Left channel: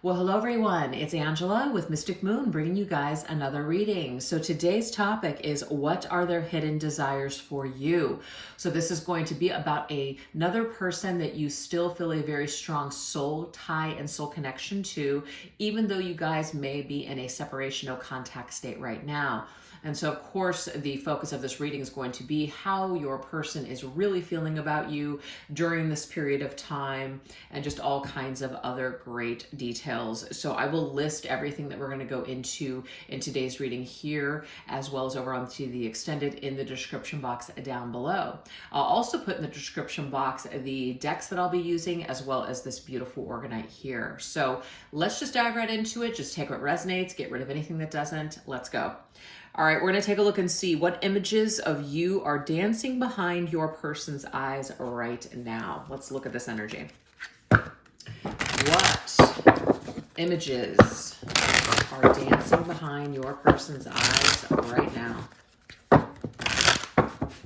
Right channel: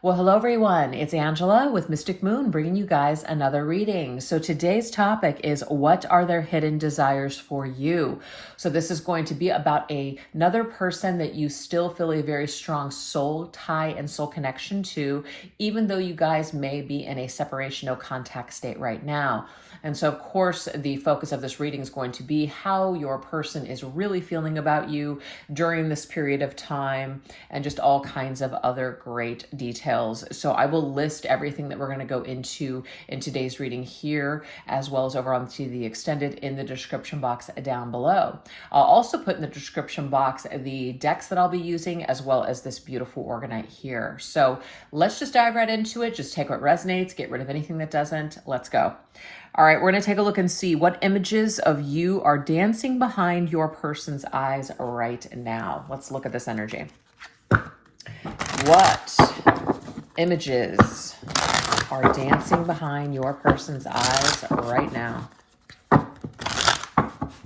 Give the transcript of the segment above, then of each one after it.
Well, hello everyone. It's Angela with Mystic Moon bringing you guys another reading. So today's topic is, what are their hidden desires for you? So this is going to be about another person that you still feel a very strong soul tie and soul connection to, even though you guys may be in a separation, no contact state right now. And so, of course, the focus of this reading is going to be how your person is really feeling about you during this period of time, and just all kinds of other great details. So I will list everything that we're going to go into in today's reading here, as well as over onto the extended in the description box down below. I'll also put in the description box the decks that I'll be using, as well as this beautiful organite here. So let's just dive right into it. Just take what resonates, get rid of anything that doesn't. Let's go. All right, we're going to take a look and see what images of you are dancing behind your person's eyes right now. Let's look at this energy. What images are dancing behind your person's eyes right now?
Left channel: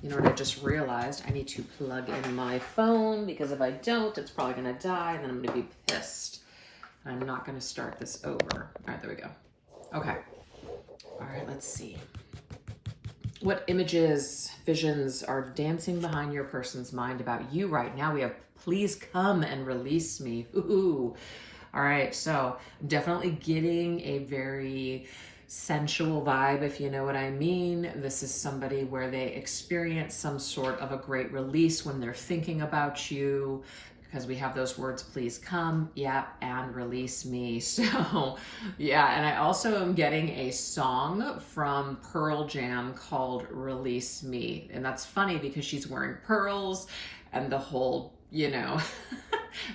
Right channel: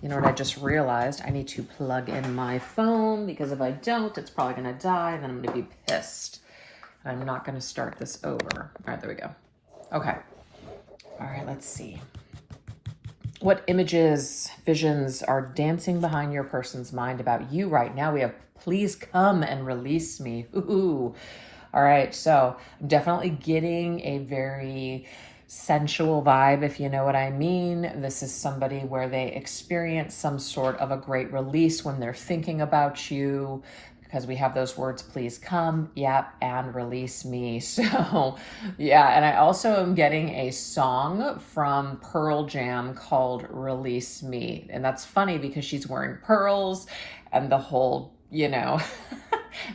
You know what I just realized? I need to plug in my phone, because if I don't, it's probably going to die, and then I'm going to be pissed. I'm not going to start this over. All right, there we go. Okay. All right, let's see. What images, visions are dancing behind your person's mind about you right now? We have, please come and release me. Ooh. All right, so I'm definitely getting a very sensual vibe, if you know what I mean. This is somebody where they experience some sort of a great release when they're thinking about you, because we have those words, please come, yep, and release me. So yeah, and I also am getting a song from Pearl Jam called Release Me. And that's funny because she's wearing pearls, and the whole, you know,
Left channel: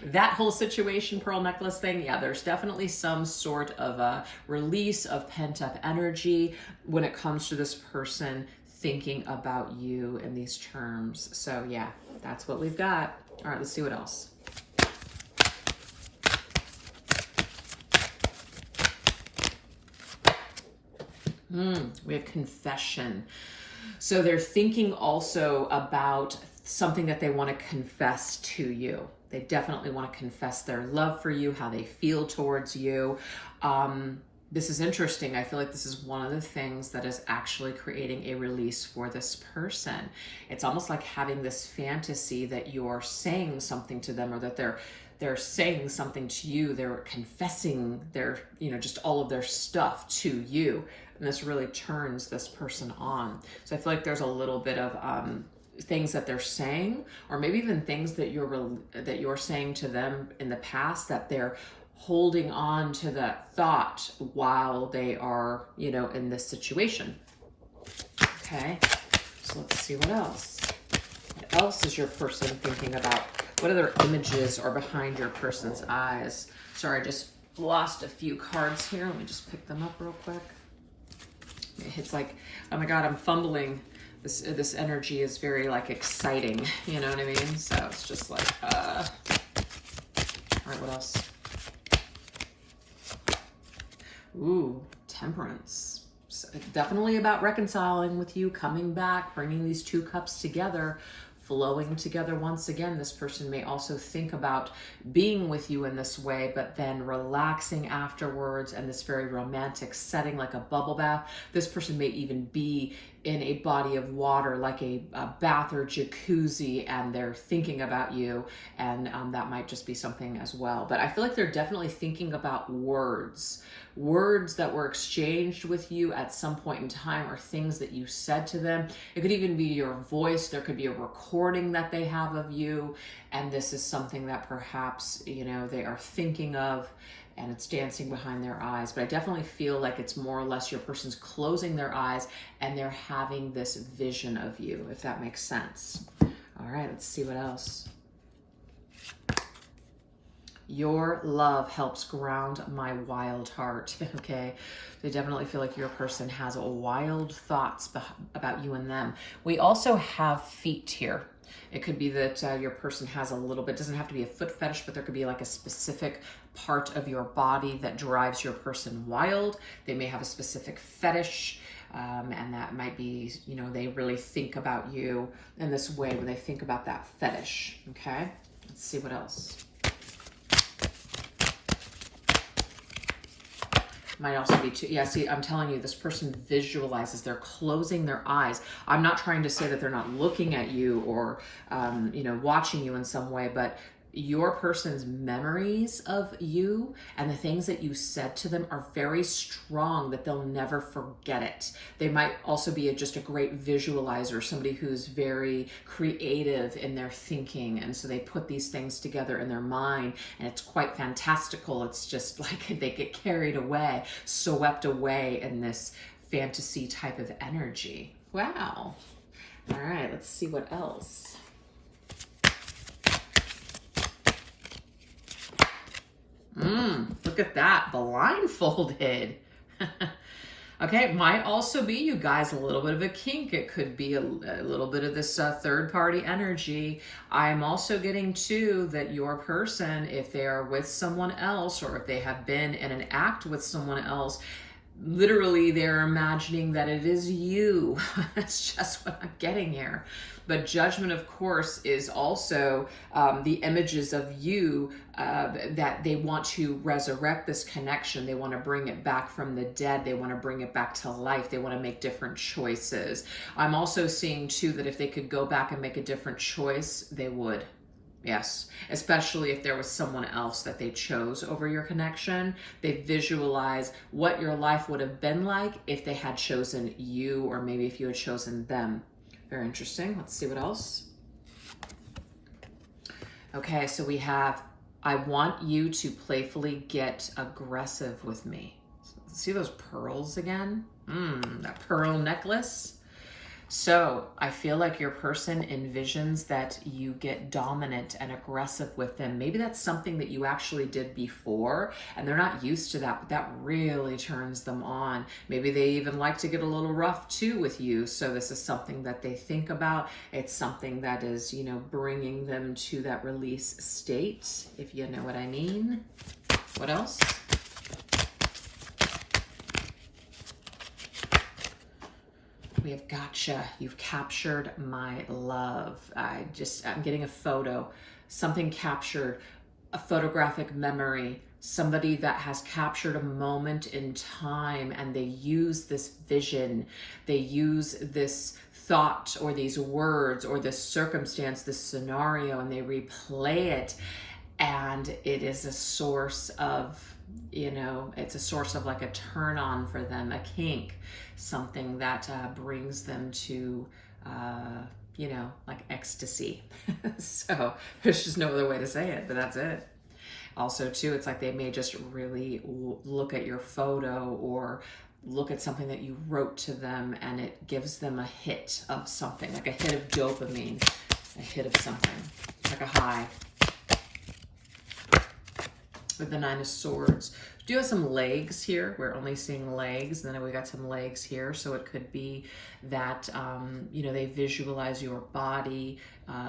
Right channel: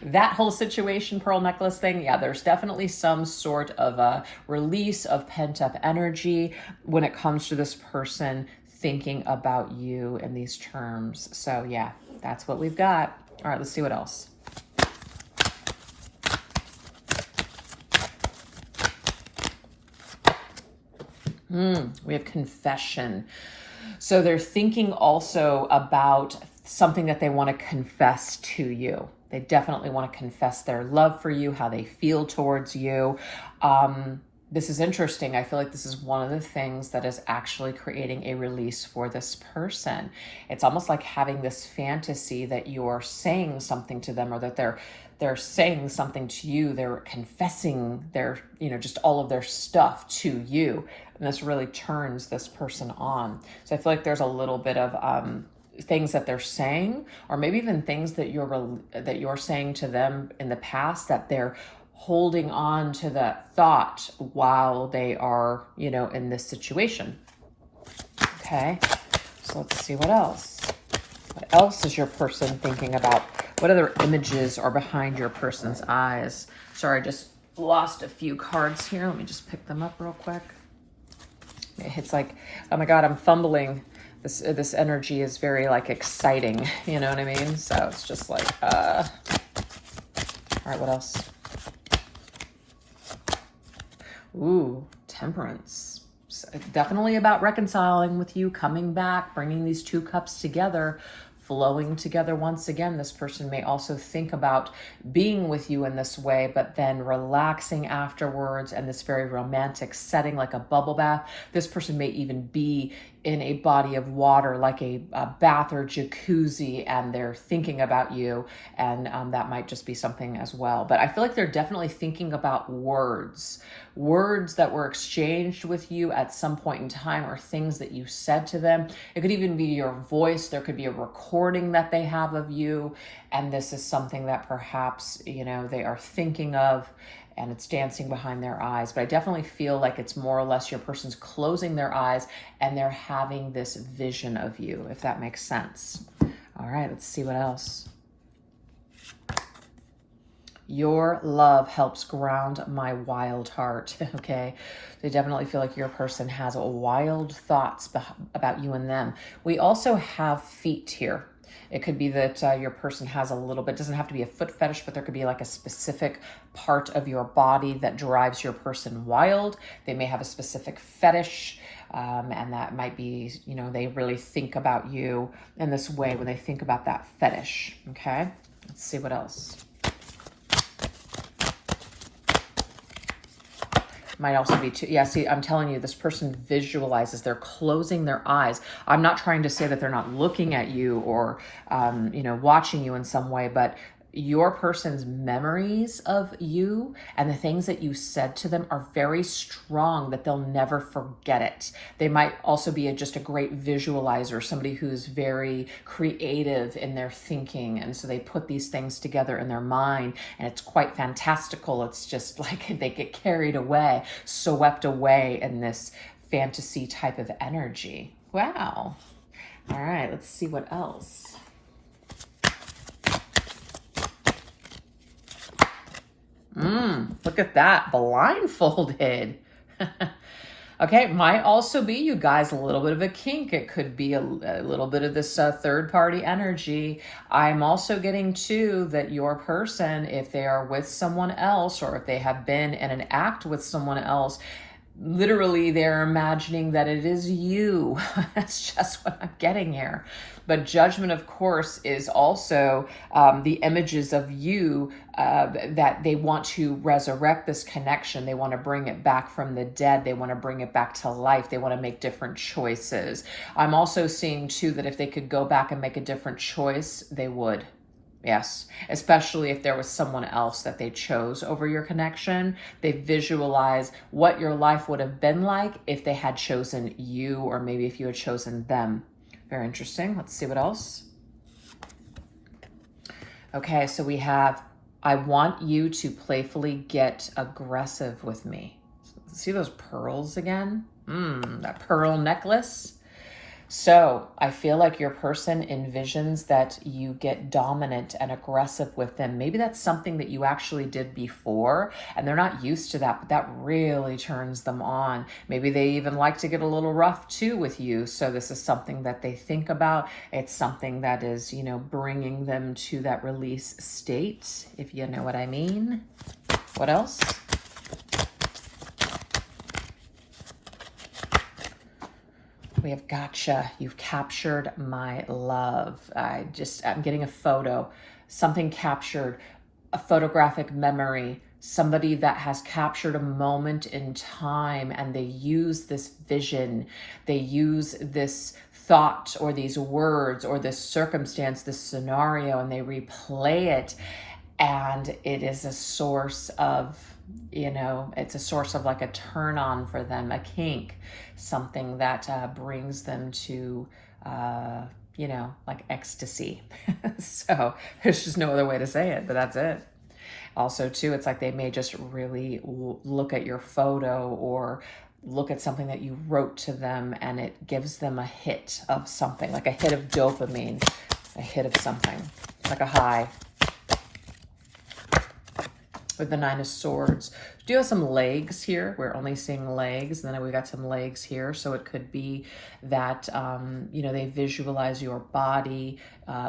that whole situation, pearl necklace thing. Yeah, there's definitely some sort of a release of pent-up energy when it comes to this person thinking about you in these terms. So yeah, that's what we've got. All right, let's see what else. We have confession. So they're thinking also about something that they want to confess to you. They definitely want to confess their love for you, how they feel towards you. This is interesting. I feel like this is one of the things that is actually creating a release for this person. It's almost like having this fantasy that you're saying something to them, or that they're saying something to you. They're confessing their, you know, just all of their stuff to you. And this really turns this person on. So I feel like there's a little bit of things that they're saying, or maybe even things that you're saying to them in the past, that they're holding on to that thought while they are, you know, in this situation. Okay, so let's see what else. What else is your person thinking about? What other images are behind your person's eyes? Sorry, I just lost a few cards here. Let me just pick them up real quick. It's like, oh my God, I'm fumbling. This energy is very like exciting, you know what I mean? So it's just like, all right, what else? Ooh, temperance. So definitely about reconciling with you, coming back, bringing these two cups together, flowing together once again. This person may also think about being with you in this way, but then relaxing afterwards, and this very romantic setting, like a bubble bath. This person may even be in a body of water, like a bath or jacuzzi, and they're thinking about you, and that might just be something as well. But I feel like they're definitely thinking about words that were exchanged with you at some point in time, or things that you said to them. It could even be your voice. There could be a recording that they have of you, and this is something that perhaps, you know, they are thinking of, and it's dancing behind their eyes. But I definitely feel like it's more or less your person's closing their eyes and they're having this vision of you, if that makes sense. All right, let's see what else. Your love helps ground my wild heart. Okay, they definitely feel like your person has wild thoughts about you and them. We also have feet here. It could be that your person has a little bit, doesn't have to be a foot fetish, but there could be like a specific part of your body that drives your person wild. They may have a specific fetish, and that might be, you know, they really think about you in this way when they think about that fetish. Okay, let's see what else. Might also be too, yeah, see, I'm telling you, this person visualizes, they're closing their eyes. I'm not trying to say that they're not looking at you or, you know, watching you in some way, but your person's memories of you and the things that you said to them are very strong that they'll never forget it. They might also be just a great visualizer, somebody who's very creative in their thinking. And so they put these things together in their mind and it's quite fantastical. It's just like they get carried away, swept away in this fantasy type of energy. Wow. All right, let's see what else. Look at that, blindfolded. Okay, might also be, you guys, a little bit of a kink. It could be a little bit of this third-party energy. I'm also getting, too, that your person, if they are with someone else or if they have been in an act with someone else, literally they're imagining that it is you. That's just what I'm getting here. But judgment, of course, is also the images of you that they want to resurrect this connection. They want to bring it back from the dead. They want to bring it back to life. They want to make different choices. I'm also seeing, too, that if they could go back and make a different choice, they would. Yes, especially if there was someone else that they chose over your connection. They visualize what your life would have been like if they had chosen you, or maybe if you had chosen them. Very interesting. Let's see what else. Okay, so we have, I want you to playfully get aggressive with me. See those pearls again? That pearl necklace. So I feel like your person envisions that you get dominant and aggressive with them. Maybe that's something that you actually did before and they're not used to that, but that really turns them on. Maybe they even like to get a little rough too with you. So this is something that they think about. It's something that is, you know, bringing them to that release state, if you know what I mean. What else? We have gotcha. You've captured my love. I'm getting a photo, something captured, a photographic memory, somebody that has captured a moment in time and they use this vision, they use this thought or these words or this circumstance, this scenario, and they replay it. And it is a source of, you know, it's a source of like a turn on for them, a kink, something that brings them to, you know, like ecstasy. So there's just no other way to say it, but that's it. Also, too, it's like they may just really look at your photo or look at something that you wrote to them and it gives them a hit of something, like a hit of dopamine, a hit of something, like a high. With the Nine of Swords. Do you have some legs here? We're only seeing legs, and then we got some legs here. So it could be that, you know, they visualize your body,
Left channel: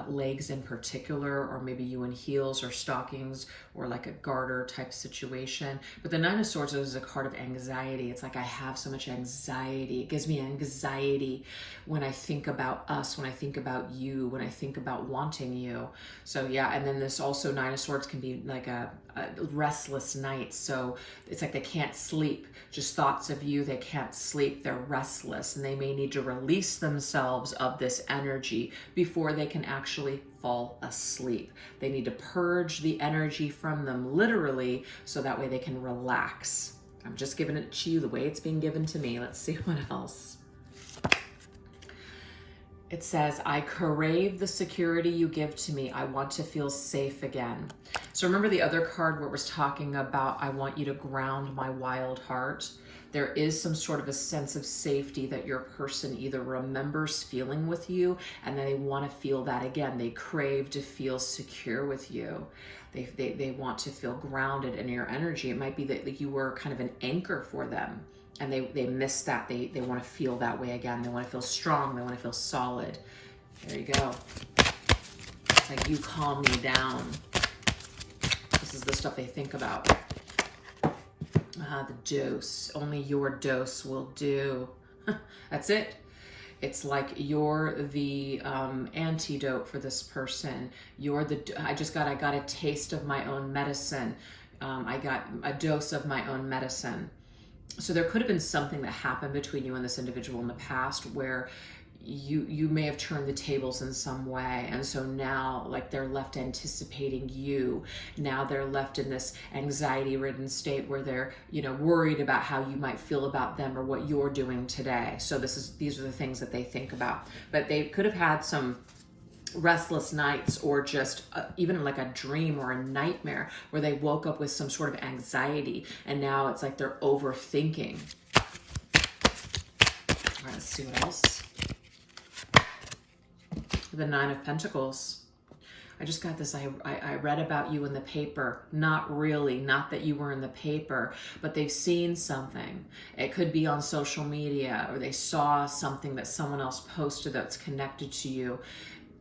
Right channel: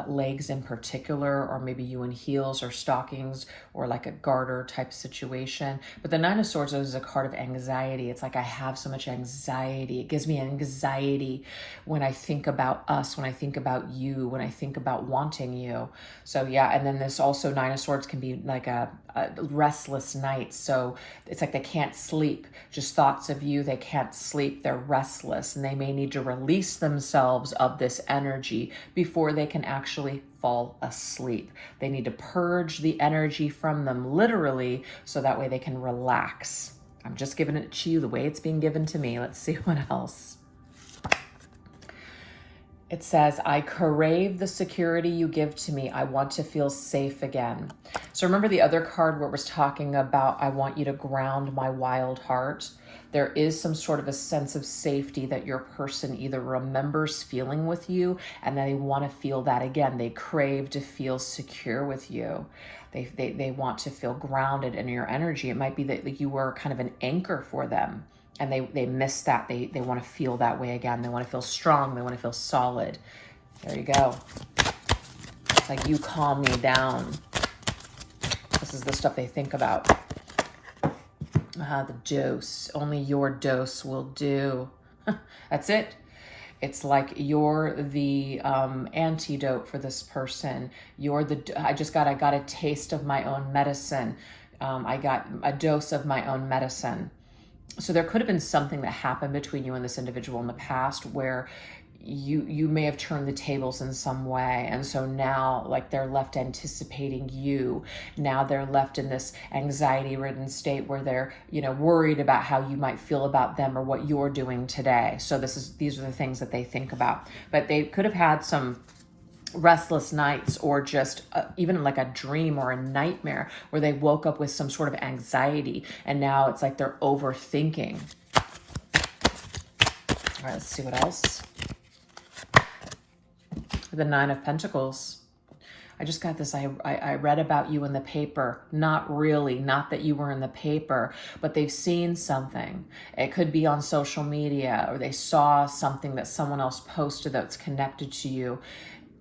legs in particular, or maybe you in heels or stockings or like a garter type situation. But the Nine of Swords is a card of anxiety. It's like, I have so much anxiety. It gives me anxiety when I think about us, when I think about you, when I think about wanting you. So yeah, and then this also, Nine of Swords can be like a restless night. So it's like they can't sleep, just thoughts of you. They can't sleep. They're restless and they may need to release themselves of this energy before they can actually fall asleep. They need to purge the energy from them literally so that way they can relax. I'm just giving it to you the way it's being given to me. Let's see what else. It says, I crave the security you give to me. I want to feel safe again. So remember the other card where it was talking about, I want you to ground my wild heart. There is some sort of a sense of safety that your person either remembers feeling with you and they want to feel that again. They crave to feel secure with you. They want to feel grounded in your energy. It might be that you were kind of an anchor for them. And they miss that. They want to feel that way again. They want to feel strong. They want to feel solid. There you go. It's like, you calm me down. This is the stuff they think about. The dose. Only your dose will do. That's it. It's like you're the antidote for this person. I got a taste of my own medicine. I got a dose of my own medicine. So there could have been something that happened between you and this individual in the past where you may have turned the tables in some way, and so now like they're left anticipating you. Now they're left in this anxiety ridden state where they're, you know, worried about how you might feel about them or what you're doing today. So these are the things that they think about. But they could have had some restless nights, or just even like a dream or a nightmare where they woke up with some sort of anxiety, and now it's like they're overthinking. All right, let's see what else. The Nine of Pentacles. I just got this, I read about you in the paper. Not really, not that you were in the paper, but they've seen something. It could be on social media, or they saw something that someone else posted that's connected to you.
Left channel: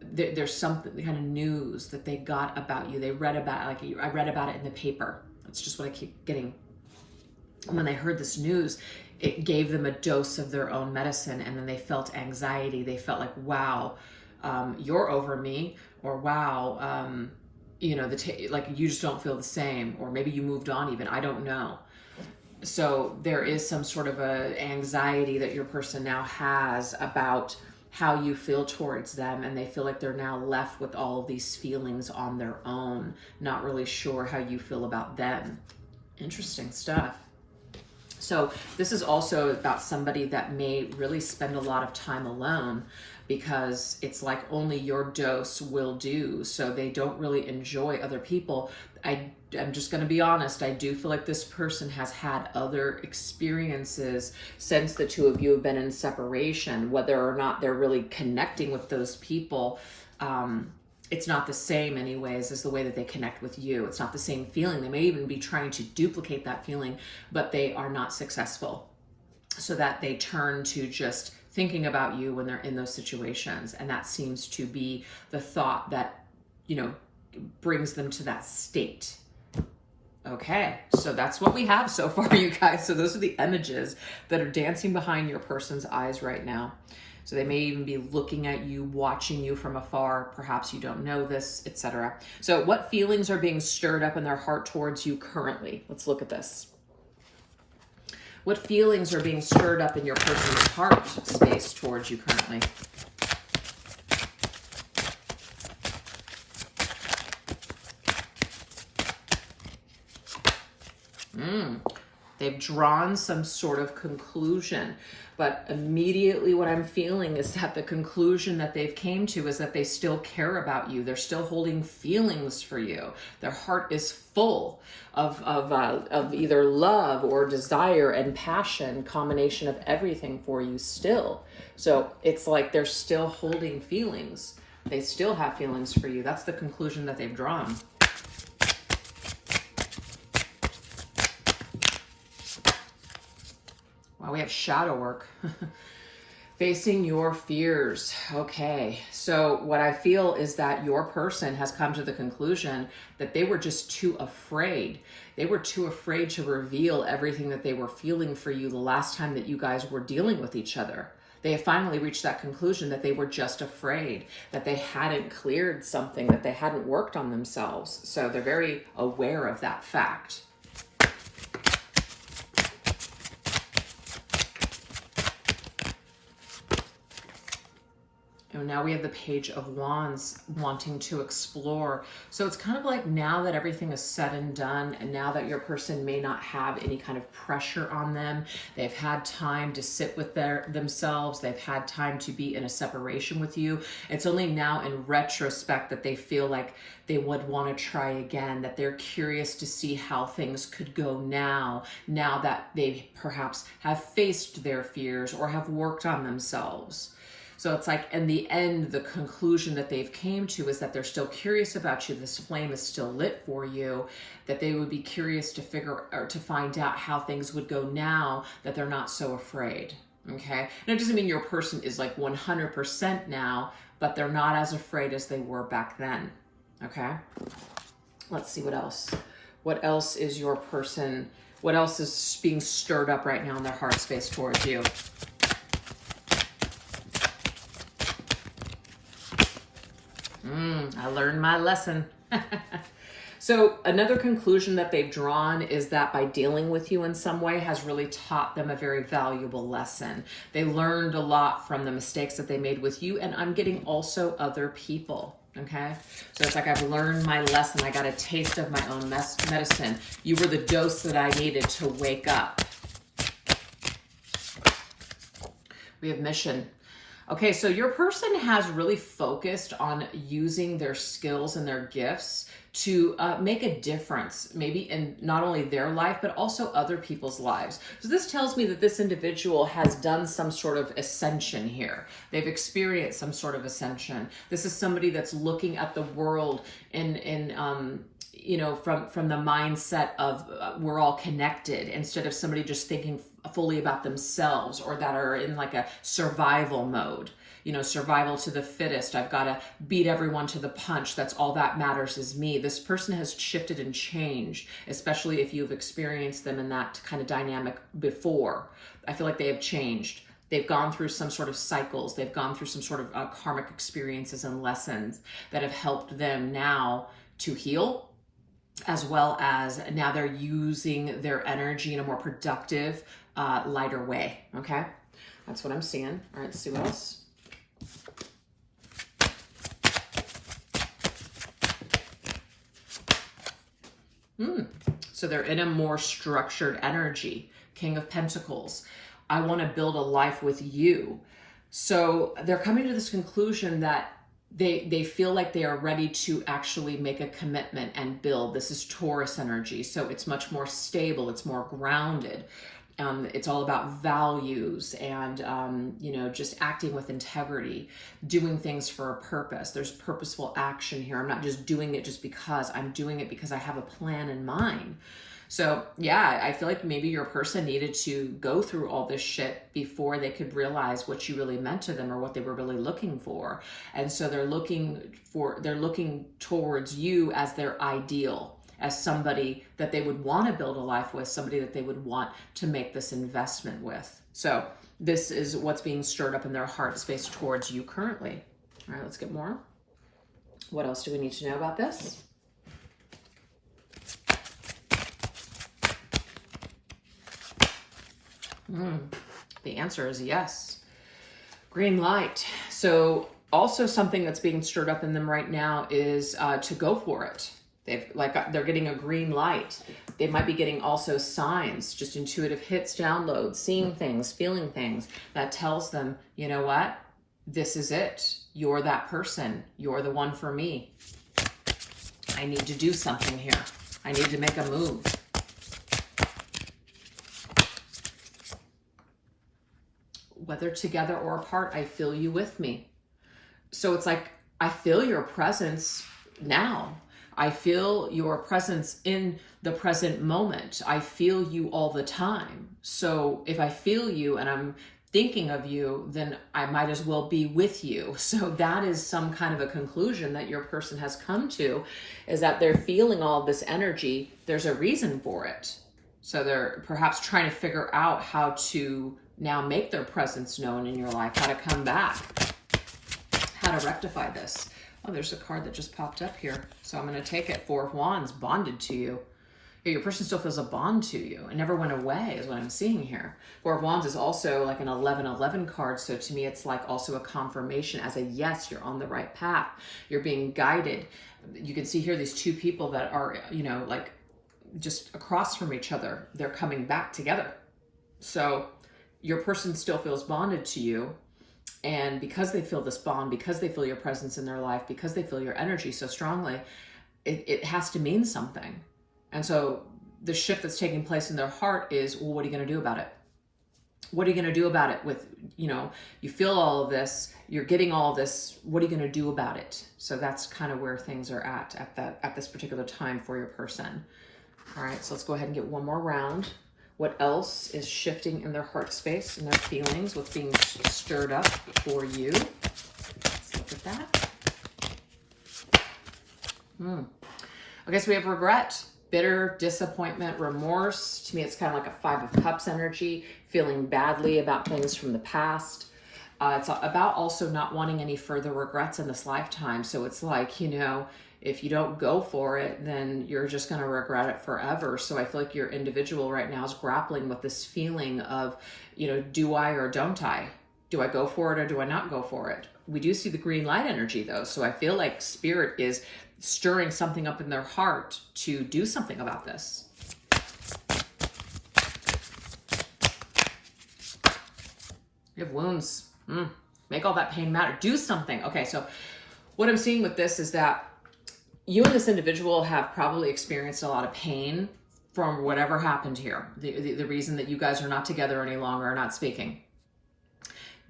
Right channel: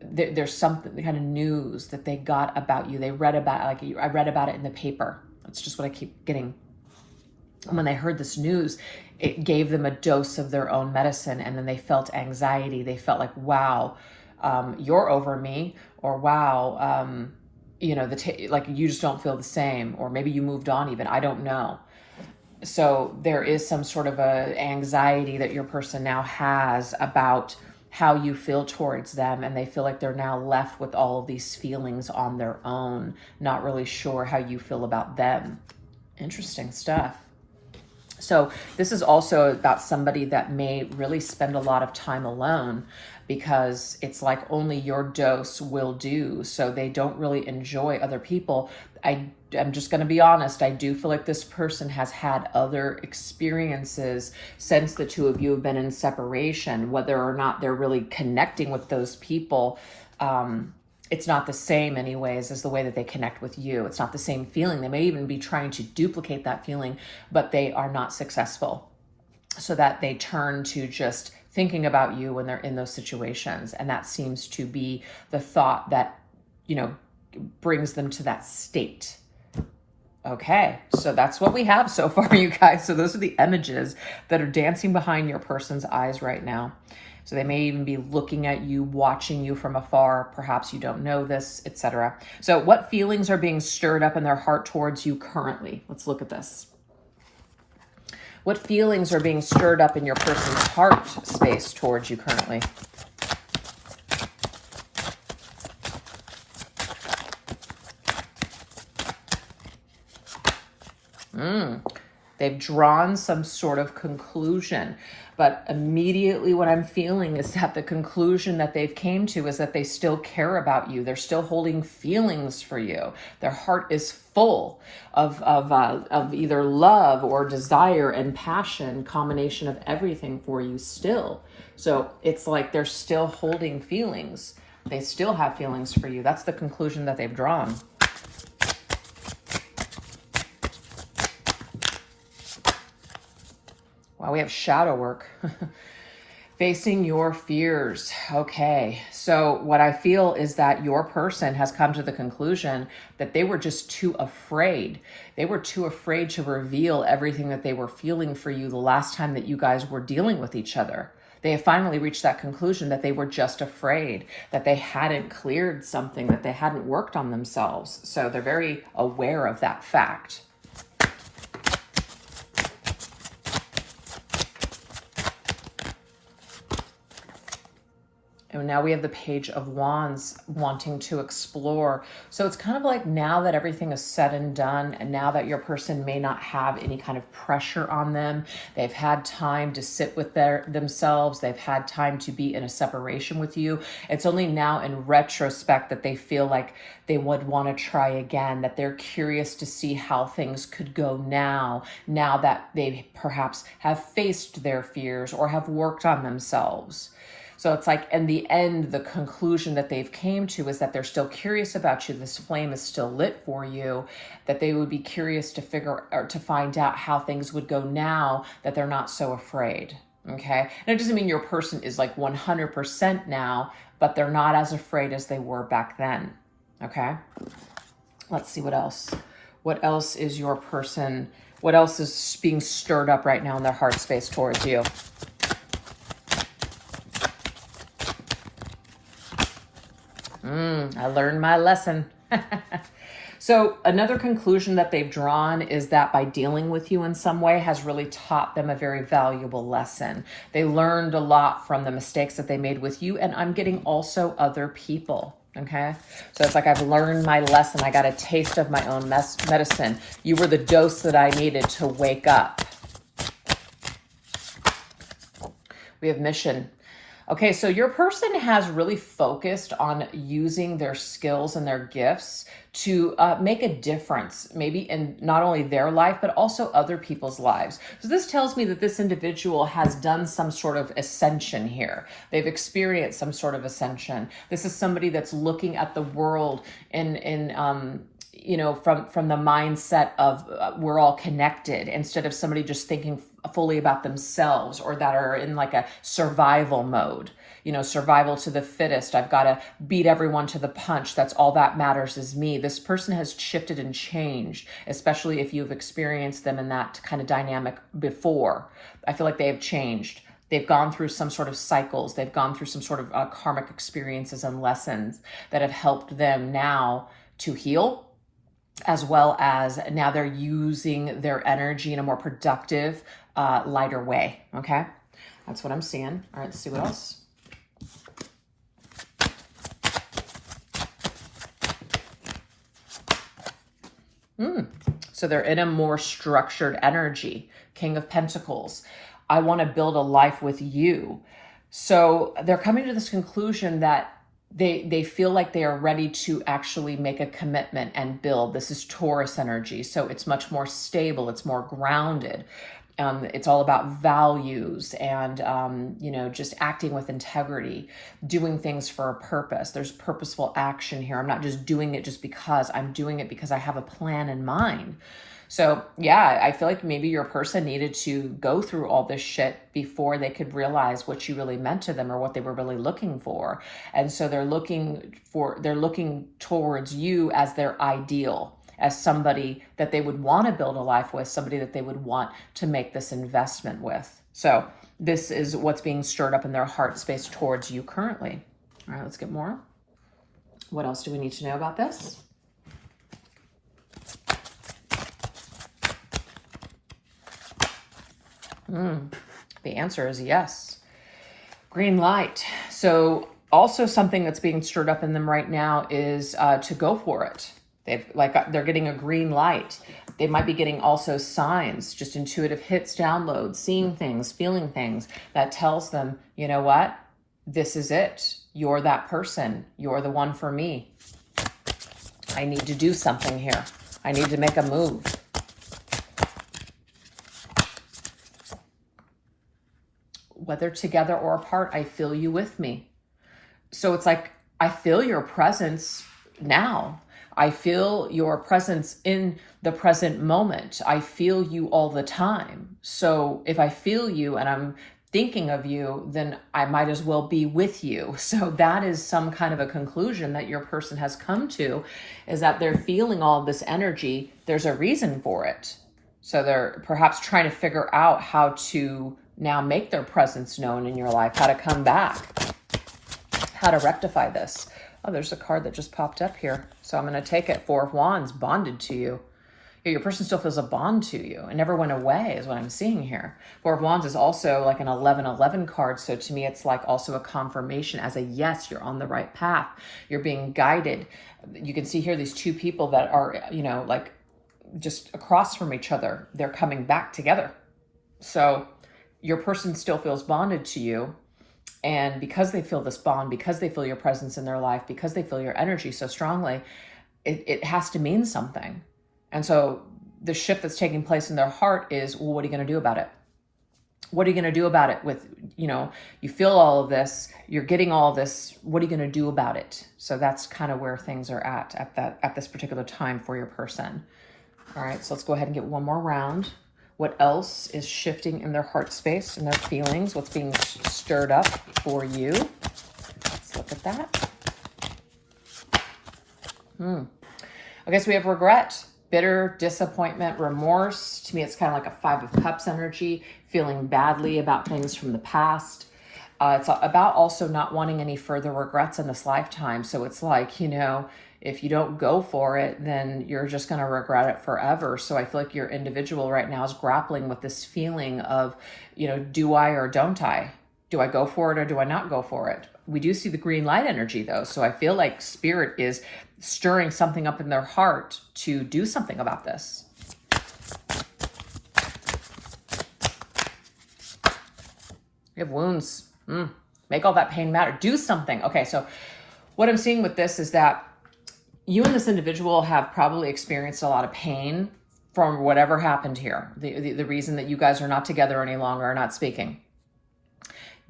There's something, kind of news that they got about you. They read about, like I read about it in the paper. That's just what I keep getting. And when they heard this news, it gave them a dose of their own medicine, and then they felt anxiety. They felt like, wow, you're over me, or wow, you know, like you just don't feel the same, or maybe you moved on even, I don't know. So there is some sort of a anxiety that your person now has about how you feel towards them, and they feel like they're now left with all of these feelings on their own, not really sure how you feel about them. Interesting stuff. So this is also about somebody that may really spend a lot of time alone, because it's like only your dose will do. So they don't really enjoy other people. I'm just going to be honest. I do feel like this person has had other experiences since the two of you have been in separation. Whether or not they're really connecting with those people, it's not the same anyways as the way that they connect with you. It's not the same feeling. They may even be trying to duplicate that feeling, but they are not successful. So that they turn to just thinking about you when they're in those situations. And that seems to be the thought that, you know, brings them to that state. Okay, so that's what we have so far, you guys. So those are the images that are dancing behind your person's eyes right now. So they may even be looking at you, watching you from afar. Perhaps you don't know this, etc. So what feelings are being stirred up in their heart towards you currently? Let's look at this. What feelings are being stirred up in your person's heart space towards you currently? They've drawn some sort of conclusion, but immediately what I'm feeling is that the conclusion that they've came to is that they still care about you. They're still holding feelings for you. Their heart is full of either love or desire and passion, combination of everything for you still. So it's like they're still holding feelings. They still have feelings for you. That's the conclusion that they've drawn. Wow, we have shadow work. Facing your fears. Okay, so what I feel is that your person has come to the conclusion that they were just too afraid. They were too afraid to reveal everything that they were feeling for you the last time that you guys were dealing with each other. They have finally reached that conclusion that they were just afraid, that they hadn't cleared something, that they hadn't worked on themselves. So they're very aware of that fact. And now we have the Page of Wands, wanting to explore. So it's kind of like now that everything is said and done, and now that your person may not have any kind of pressure on them, they've had time to sit with themselves, they've had time to be in a separation with you. It's only now in retrospect that they feel like they would want to try again, that they're curious to see how things could go now that they perhaps have faced their fears or have worked on themselves. So it's like, in the end, the conclusion that they've came to is that they're still curious about you. This flame is still lit for you, that they would be curious to figure or to find out how things would go now that they're not so afraid. Okay. And it doesn't mean your person is like 100% now, but they're not as afraid as they were back then. Okay. Let's see what else. What else is your person? What else is being stirred up right now in their heart space towards you? I learned my lesson. So another conclusion that they've drawn is that by dealing with you in some way has really taught them a very valuable lesson. They learned a lot from the mistakes that they made with you, and I'm getting also other people. Okay, so it's like I've learned my lesson. I got a taste of my own medicine. You were the dose that I needed to wake up. We have mission. Okay, so your person has really focused on using their skills and their gifts to make a difference, maybe in not only their life, but also other people's lives. So this tells me that this individual has done some sort of ascension here. They've experienced some sort of ascension. This is somebody that's looking at the world you know, from the mindset of we're all connected, instead of somebody just thinking fully about themselves, or that are in like a survival mode. You know, survival to the fittest. I've got to beat everyone to the punch. That's all that matters is me. This person has shifted and changed, especially if you've experienced them in that kind of dynamic before. I feel like they have changed. They've gone through some sort of cycles. They've gone through some sort of karmic experiences and lessons that have helped them now to heal, as well as now they're using their energy in a more productive, lighter way. Okay, that's what I'm seeing. All right, let's see what else. So they're in a more structured energy. King of Pentacles. I want to build a life with you. So they're coming to this conclusion that they feel like they are ready to actually make a commitment and build. This is Taurus energy. So it's much more stable. It's more grounded. It's all about values and, you know, just acting with integrity, doing things for a purpose. There's purposeful action here. I'm not just doing it just because. I'm doing it because I have a plan in mind. So yeah, I feel like maybe your person needed to go through all this shit before they could realize what you really meant to them or what they were really looking for. And so they're looking towards you as their ideal, as somebody that they would want to build a life with, somebody that they would want to make this investment with. So this is what's being stirred up in their heart space towards you currently. All right, let's get more. What else do we need to know about this? The answer is yes. Green light. So also something that's being stirred up in them right now is to go for it. They're getting a green light. They might be getting also signs, just intuitive hits, downloads, seeing things, feeling things that tells them, you know what? This is it. You're that person. You're the one for me. I need to do something here. I need to make a move. Whether together or apart, I feel you with me. So it's like, I feel your presence now. I feel your presence in the present moment. I feel you all the time. So if I feel you and I'm thinking of you, then I might as well be with you. So that is some kind of a conclusion that your person has come to, is that they're feeling all of this energy. There's a reason for it. So they're perhaps trying to figure out how to now make their presence known in your life, how to come back, how to rectify this. Oh, there's a card that just popped up here. So I'm going to take it. Four of Wands, bonded to you. Your person still feels a bond to you. It never went away is what I'm seeing here. Four of Wands is also like an 11-11 card. So to me, it's like also a confirmation as a yes, you're on the right path. You're being guided. You can see here these two people that are, you know, like just across from each other. They're coming back together. So your person still feels bonded to you. And because they feel this bond, because they feel your presence in their life, because they feel your energy so strongly, it has to mean something. And so the shift that's taking place in their heart is, well, what are you going to do about it? What are you going to do about it with, you know, you feel all of this, you're getting all of this, what are you going to do about it? So that's kind of where things are at this particular time for your person. All right, so let's go ahead and get one more round. What else is shifting in their heart space and their feelings? What's being stirred up for you? Let's look at that. Okay, so we have regret, bitter, disappointment, remorse. To me, it's kind of like a Five of Cups energy, feeling badly about things from the past. It's about also not wanting any further regrets in this lifetime. So it's like, you know, if you don't go for it, then you're just going to regret it forever. So I feel like your individual right now is grappling with this feeling of, do I or don't I? Do I go for it or do I not go for it? We do see the green light energy though. So I feel like spirit is stirring something up in their heart to do something about this. You have wounds. Make all that pain matter. Do something. Okay, so what I'm seeing with this is that you and this individual have probably experienced a lot of pain from whatever happened here. The reason that you guys are not together any longer, are not speaking.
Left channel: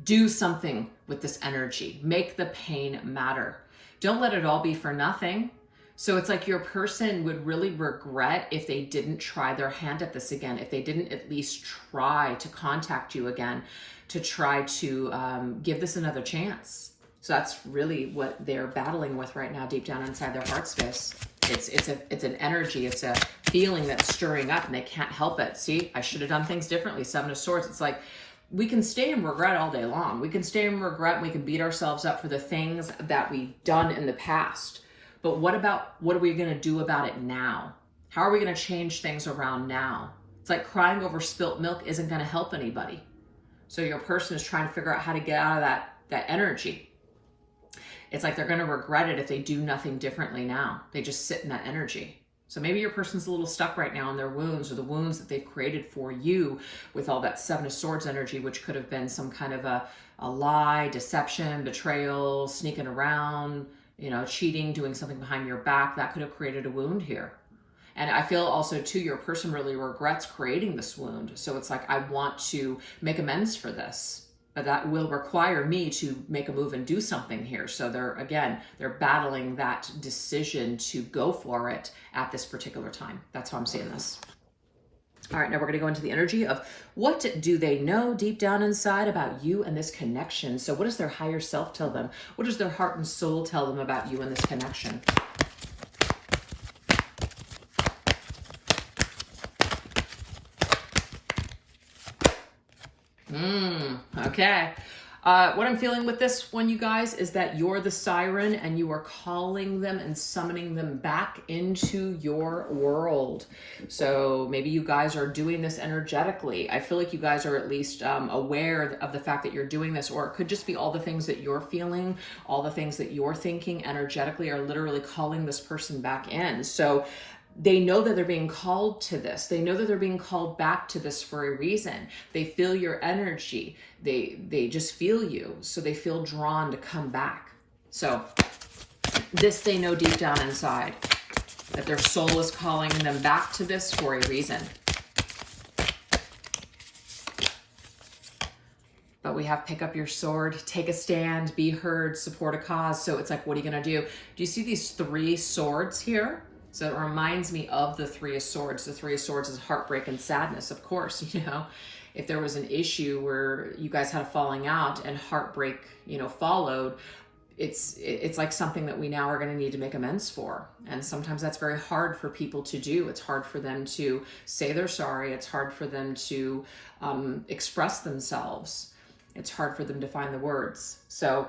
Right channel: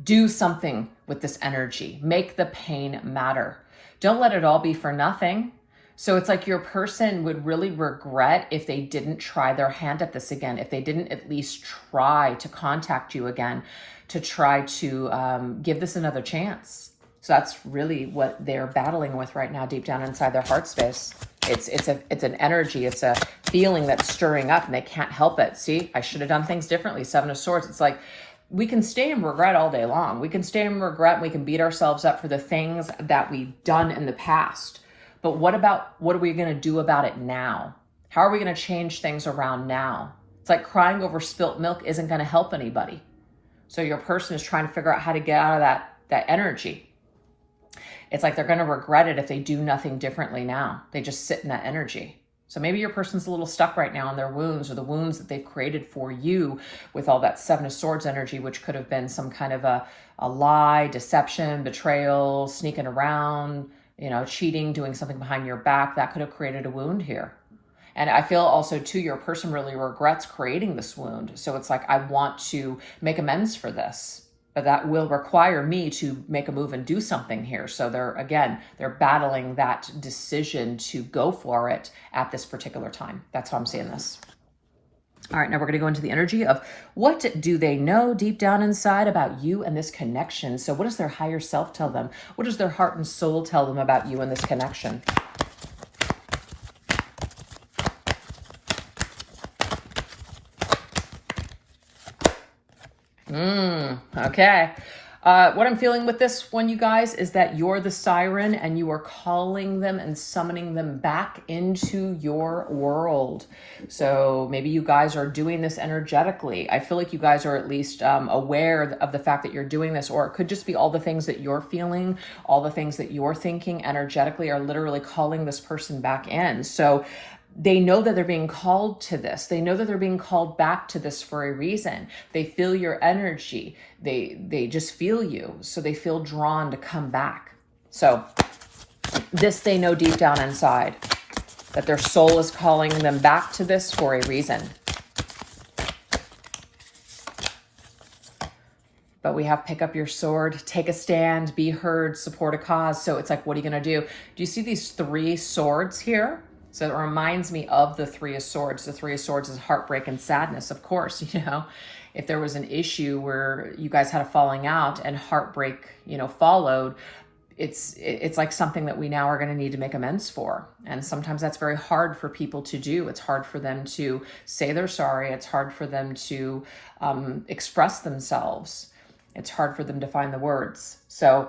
Do something with this energy. Make the pain matter. Don't let it all be for nothing. So it's like your person would really regret if they didn't try their hand at this again, if they didn't at least try to contact you again, to try to give this another chance. So that's really what they're battling with right now, deep down inside their heart space. It's an energy, it's a feeling that's stirring up and they can't help it. See, I should have done things differently. Seven of Swords. It's like, we can stay in regret all day long. We can stay in regret and we can beat ourselves up for the things that we've done in the past. But what are we going to do about it now? How are we going to change things around now? It's like crying over spilt milk isn't going to help anybody. So your person is trying to figure out how to get out of that energy. It's like they're going to regret it if they do nothing differently now. They just sit in that energy. So maybe your person's a little stuck right now in their wounds, or the wounds that they've created for you with all that Seven of Swords energy, which could have been some kind of a lie, deception, betrayal, sneaking around, cheating, doing something behind your back. That could have created a wound here. And I feel also too, your person really regrets creating this wound. So it's like, I want to make amends for this, but that will require me to make a move and do something here. So they're battling that decision to go for it at this particular time. That's how I'm seeing this. All right, now we're going to go into the energy of what do they know deep down inside about you and this connection. So what does their higher self tell them? What does their heart and soul tell them about you and this connection? Okay. What I'm feeling with this one, you guys, is that you're the siren and you are calling them and summoning them back into your world. So maybe you guys are doing this energetically. I feel like you guys are at least aware of the fact that you're doing this, or it could just be all the things that you're feeling, all the things that you're thinking energetically are literally calling this person back in. So they know that they're being called to this. They know that they're being called back to this for a reason. They feel your energy. They just feel you. So they feel drawn to come back. So this they know deep down inside, that their soul is calling them back to this for a reason. But we have pick up your sword, take a stand, be heard, support a cause. So it's like, what are you going to do? Do you see these three swords here? So it reminds me of the Three of Swords. The Three of Swords is heartbreak and sadness, of course. If there was an issue where you guys had a falling out and heartbreak, followed, it's like something that we now are going to need to make amends for. And sometimes that's very hard for people to do. It's hard for them to say they're sorry. It's hard for them to express themselves. It's hard for them to find the words. So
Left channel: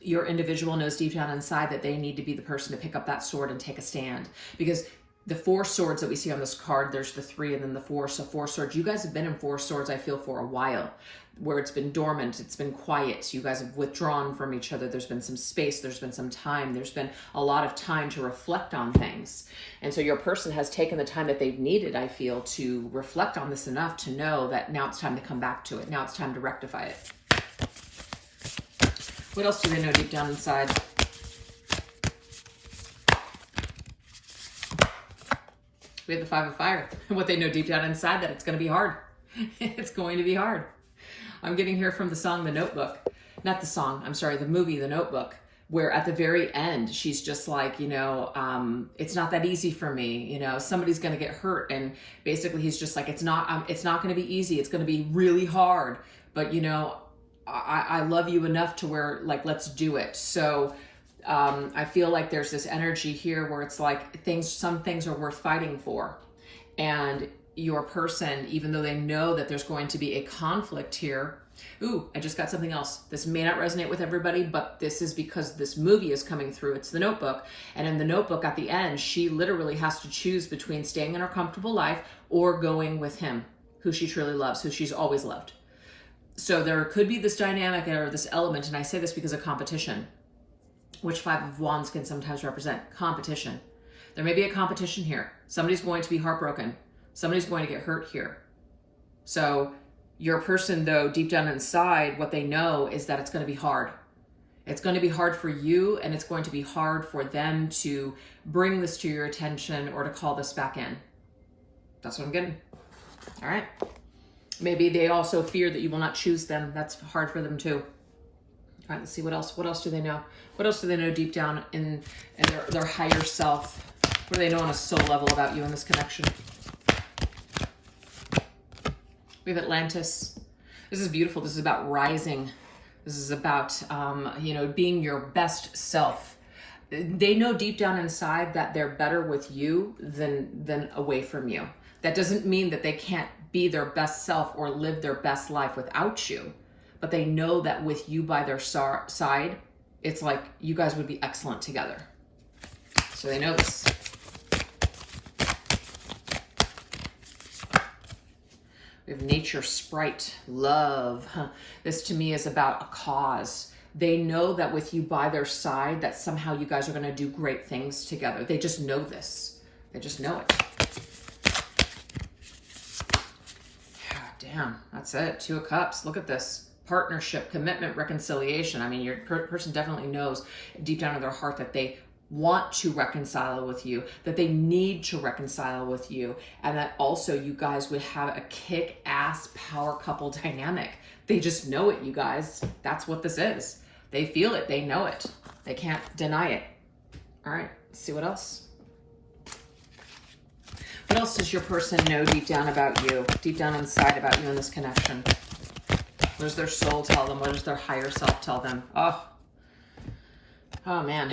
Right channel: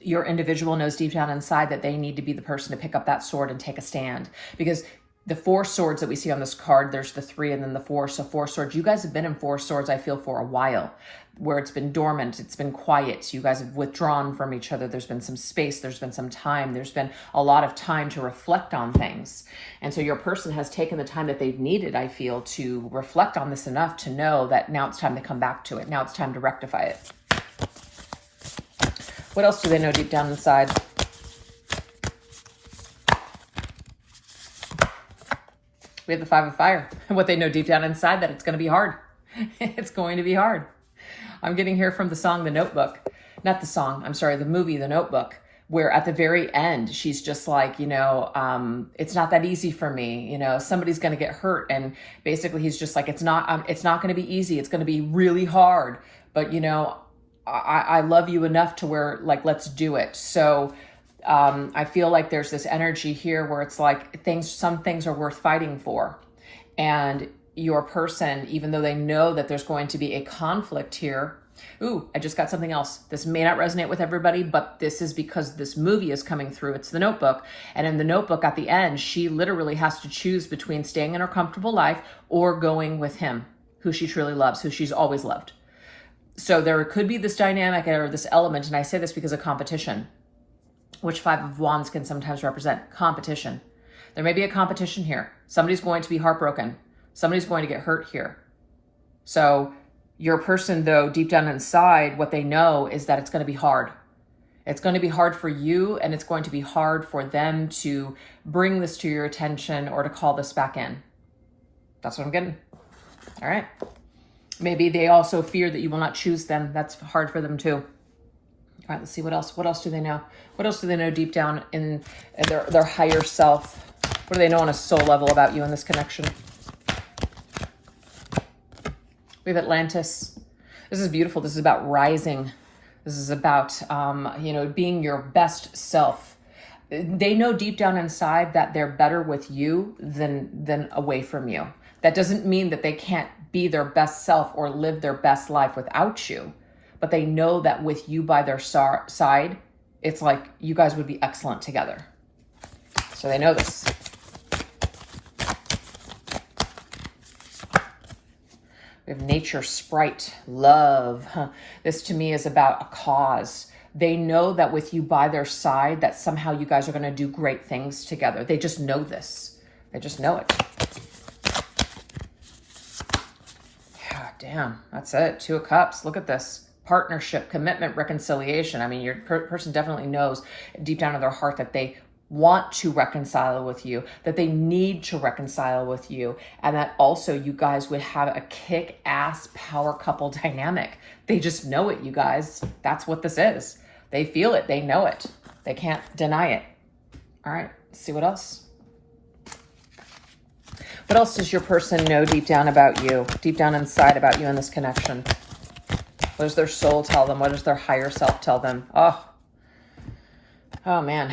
your individual knows deep down inside that they need to be the person to pick up that sword and take a stand. Because the Four Swords that we see on this card, there's the three and then the four. So Four Swords, you guys have been in Four Swords, I feel, for a while, where it's been dormant, it's been quiet. You guys have withdrawn from each other. There's been some space, there's been some time, there's been a lot of time to reflect on things. And so your person has taken the time that they've needed, I feel, to reflect on this enough to know that now it's time to come back to it. Now it's time to rectify it. What else do they know deep down inside? We have the Five of Fire. And what they know deep down inside, that it's going to be hard. It's going to be hard. I'm getting here from the song, The Notebook. Not the song, I'm sorry, the movie, The Notebook, where at the very end, she's just like, it's not that easy for me. Somebody's going to get hurt. And basically he's just like, it's not going to be easy. It's going to be really hard. But, I love you enough to where, like, let's do it. So I feel like there's this energy here where it's like some things are worth fighting for. And your person, even though they know that there's going to be a conflict here, Ooh, I just got something else. This may not resonate with everybody, but this is because this movie is coming through. It's The Notebook. And in The Notebook, at the end, she literally has to choose between staying in her comfortable life or going with him, who she truly loves, who she's always loved. So there could be this dynamic or this element, and I say this because of competition, which Five of Wands can sometimes represent competition. There may be a competition here. Somebody's going to be heartbroken. Somebody's going to get hurt here. So your person, though, deep down inside, what they know is that it's going to be hard. It's going to be hard for you, and it's going to be hard for them to bring this to your attention or to call this back in. That's what I'm getting. All right. Maybe they also fear that you will not choose them. That's hard for them too. All right, let's see what else. What else do they know? What else do they know deep down in their higher self? What do they know on a soul level about you in this connection? We have Atlantis. This is beautiful. This is about rising. This is about, being your best self. They know deep down inside that they're better with you than away from you. That doesn't mean that they can't be their best self or live their best life without you. But they know that with you by their side, it's like you guys would be excellent together. So they know this. We have nature, sprite, love. This to me is about a cause. They know that with you by their side, that somehow you guys are going to do great things together. They just know this. They just know it. Yeah, damn, that's it. Two of Cups. Look at this. Partnership, commitment, reconciliation. I mean, your person definitely knows deep down in their heart that they want to reconcile with you, that they need to reconcile with you, and that also you guys would have a kick-ass power couple dynamic. They just know it, you guys. That's what this is. They feel it. They know it. They can't deny it. All right, let's see what else. What else does your person know deep down about you, deep down inside about you in this connection? What does their soul tell them? What does their higher self tell them? Oh man.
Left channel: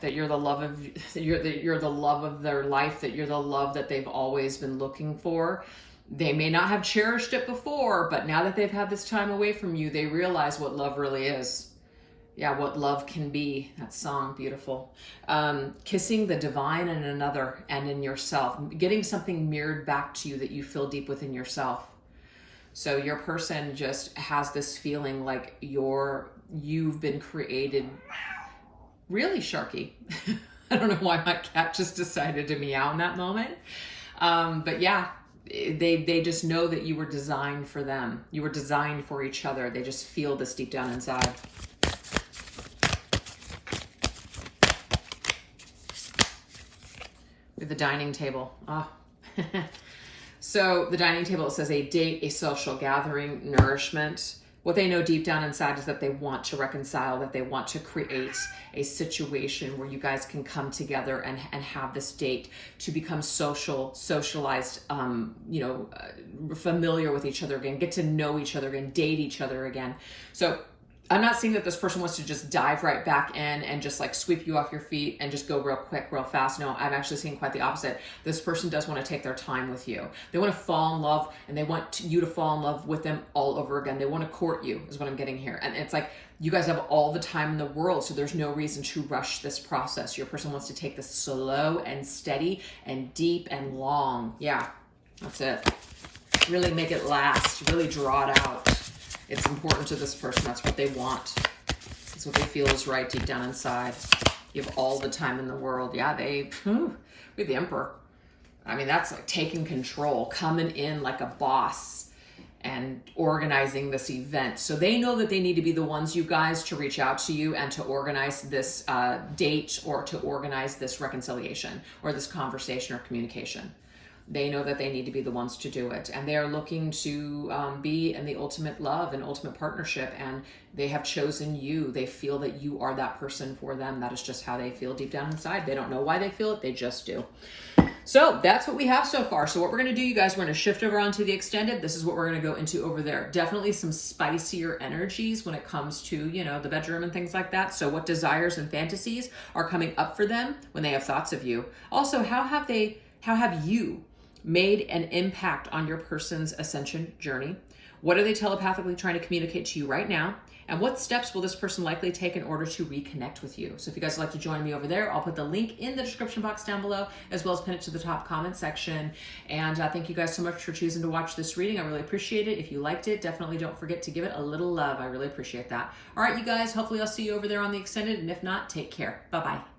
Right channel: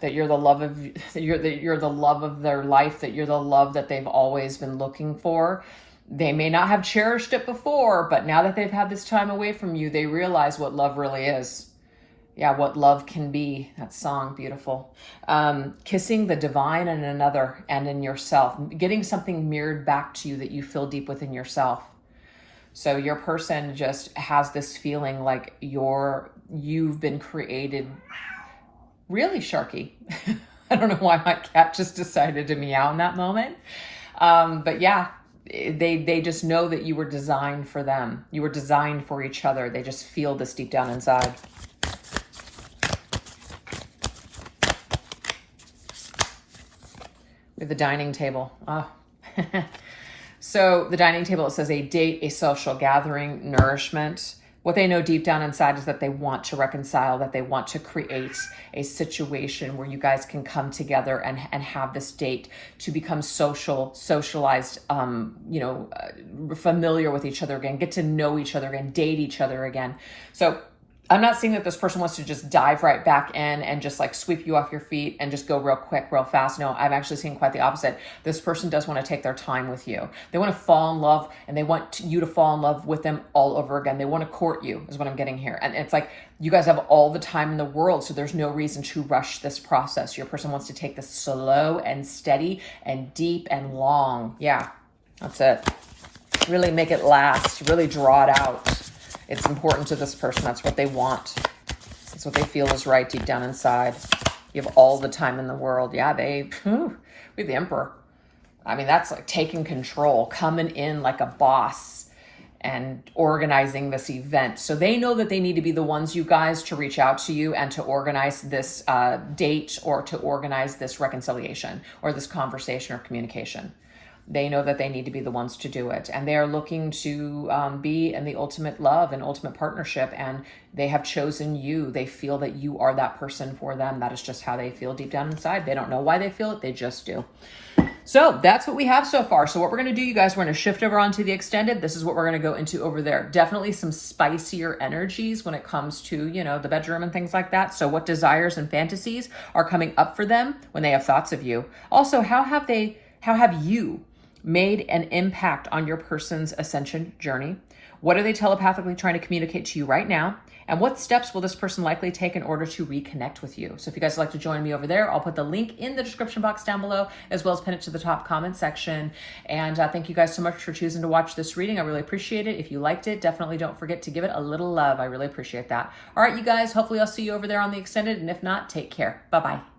That you're the love of you're the love of their life, that you're the love that they've always been looking for. They may not have cherished it before, but now that they've had this time away from you, they realize what love really is. Yeah, what love can be. That song, beautiful. Kissing the divine in another and in yourself. Getting something mirrored back to you that you feel deep within yourself. So your person just has this feeling like you've been created really Sharky. I don't know why my cat just decided to meow in that moment. But yeah, they just know that you were designed for them. You were designed for each other. They just feel this deep down inside. With the dining table. Oh. So the dining table, it says a date, a social gathering, nourishment. What they know deep down inside is that they want to reconcile, that they want to create a situation where you guys can come together and have this date to become socialized, familiar with each other again, get to know each other again, date each other again. So I'm not seeing that this person wants to just dive right back in and just like sweep you off your feet and just go real quick, real fast. No, I'm actually seeing quite the opposite. This person does want to take their time with you. They want to fall in love, and they want you to fall in love with them all over again. They want to court you is what I'm getting here. And it's like you guys have all the time in the world, so there's no reason to rush this process. Your person wants to take this slow and steady and deep and long. Yeah, that's it. Really make it last. Really draw it out. It's important to this person. That's what they want. That's what they feel is right deep down inside. You have all the time in the world. Yeah, we're the emperor. I mean, that's like taking control, coming in like a boss and organizing this event. So they know that they need to be the ones, you guys, to reach out to you and to organize this date or to organize this reconciliation or this conversation or communication. They know that they need to be the ones to do it. And they are looking to be in the ultimate love and ultimate partnership. And they have chosen you. They feel that you are that person for them. That is just how they feel deep down inside. They don't know why they feel it. They just do. So that's what we have so far. So what we're going to do, you guys, we're going to shift over onto the extended. This is what we're going to go into over there. Definitely some spicier energies when it comes to, the bedroom and things like that. So what desires and fantasies are coming up for them when they have thoughts of you? Also, how have you made an impact on your person's ascension journey? What are they telepathically trying to communicate to you right now? And what steps will this person likely take in order to reconnect with you? So if you guys would like to join me over there, I'll put the link in the description box down below, as well as pin it to the top comment section. And thank you guys so much for choosing to watch this reading. I really appreciate it. If you liked it, definitely don't forget to give it a little love. I really appreciate that. All right, you guys, hopefully I'll see you over there on the extended. And if not, take care. Bye-bye.